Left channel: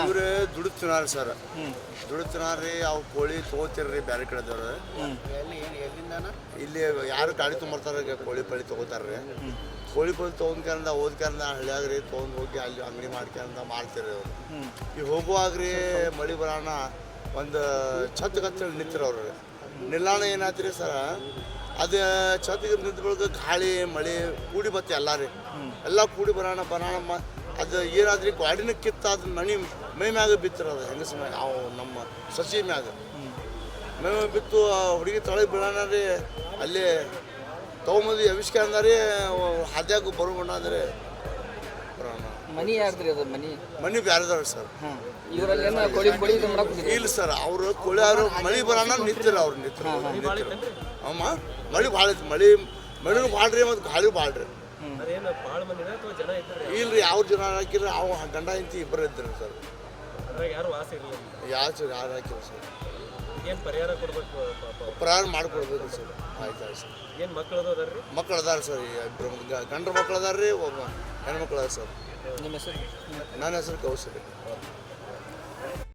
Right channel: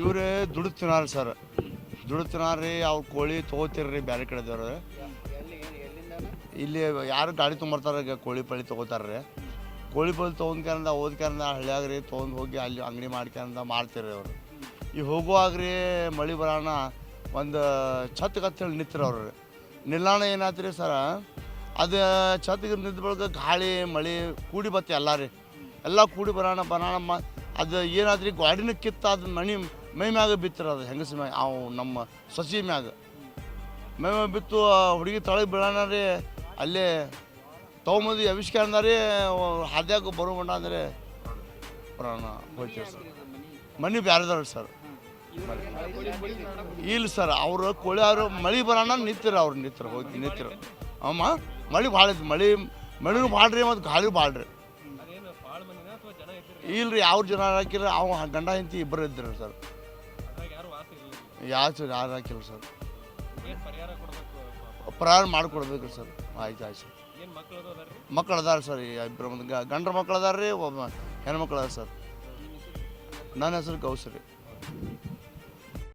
ಇವ್ರು ದುಡಿತಿನಾರ ಸರ್ ದುಡಿತಿನಾರ್ರಿ ಅವು ಕೋಳಿ ತೊಗೋತಿರ್ರಿ ಬೇರೆ ಕಡೆದವ್ರು ಇಲ್ಲಿ ಯಾರು ಗಾಡಿ ತೊಗೊಂಬರ್ತಾರ ಕೋಳಿ ಪಳಿ ತೊಗೋತಾರ್ರಿ ಕೋಳಿ ಪಳಿ ತೊಗೊಂಡ್ಕಂದ ಓದ್ಕಂದ ಹಳ್ಳಿಯಾಗ್ರಿ ತೊಗೊಂಡು ಹೋಗಿ ಅಲ್ಲಿ ಅಂಗಡಿ ಮಾಡ್ಕೊಂಡ ಮಾಡ್ತಿರ್ರಿ ಅವ್ರು ಈಗ ಹೋಗುವಾಗ್ರಿ ಮಳೆ ಬರೋಣ ಒಂದು ಛತ್ ಕತ್ತೇಳಿ ನಿಂತಿರ ಅವ್ರು ನಿಲ್ಲಾಣ ಏನಾಯ್ತು ಸರ ಅದು ಛತ್ಗೆ ನಿಂತ ಬಳಿಕ ಗಾಳಿ ಮಳೆ ಕೂಡಿ ಬತ್ತೆ ಎಲ್ಲ ಕೂಡಿ ಬರೋಣ ಅದು ಏನಾದ್ರಿ ಗಾಡಿನ ಕಿತ್ತ ಅದು ಮೈ ಮ್ಯಾಗ ಬಿತ್ತಿರೋದು ಹೆಂಗಸ ಮ್ಯಾಗ ಅವು ನಮ್ಮ ಸಸಿ ಮ್ಯಾಗ ಮೈ ಮ್ಯಾಗ ಬಿತ್ತು ಹುಡುಗಿ ತಳಗೆ ಬೀಳೋಣ ರೀ ಅಲ್ಲಿ ತೊಗೊಂಬಂದು ಎವಿಸ್ಕೊಂಡ್ರಿ ಹಾದ್ಯಾಗ ಬರೋಣಾದ್ರೆ ಬರೋಣ ಮನಿ ಬ್ಯಾರದವ್ರಿ ಸರ್ ಇಲ್ಲ ಸರ್ ಅವರು ಕೋಳಿಯವರು ಮಳೆ ಬರೋಣ ನಿಂತಿರ ಅವ್ರು ನಿಂತಿರು ಅಮ್ಮ ಮಳೆ ಭಾಳ ಐತಿ ಮಳೆನೂ ಭಾಳ್ರಿ ಮತ್ತು ಗಾಳಿ ಭಾಳ್ರಿ ಇಲ್ರಿ ಯಾವ ಜನ ಹಾಕಿರ ಅವ ಗಂಡ ಹೆಂಡತಿ ಇಬ್ಬರು ಇದ್ದರು ಸರ್ ಯಾರು ಯಾರು ಹಾಕಿಲ್ಲ ಸರ್ ಪರಿಹಾರ ಮಾಡಿಕೊಡ್ಬೇಕು ಸರ್ ಆಯ್ತು ಸರ್ ಮಕ್ಕಳು ಅದಾರ ಸರ್ ಇಬ್ಬರು ಗಂಡ್ರ ಮಕ್ಕಳು ಅದಾರ ರೀ ಒಬ್ಬ ಹೆಣ್ಮಕ್ಳು ಅದಾರ ಸರ್ ನನ್ನ ಹೆಸರು ಕೌಸರಿ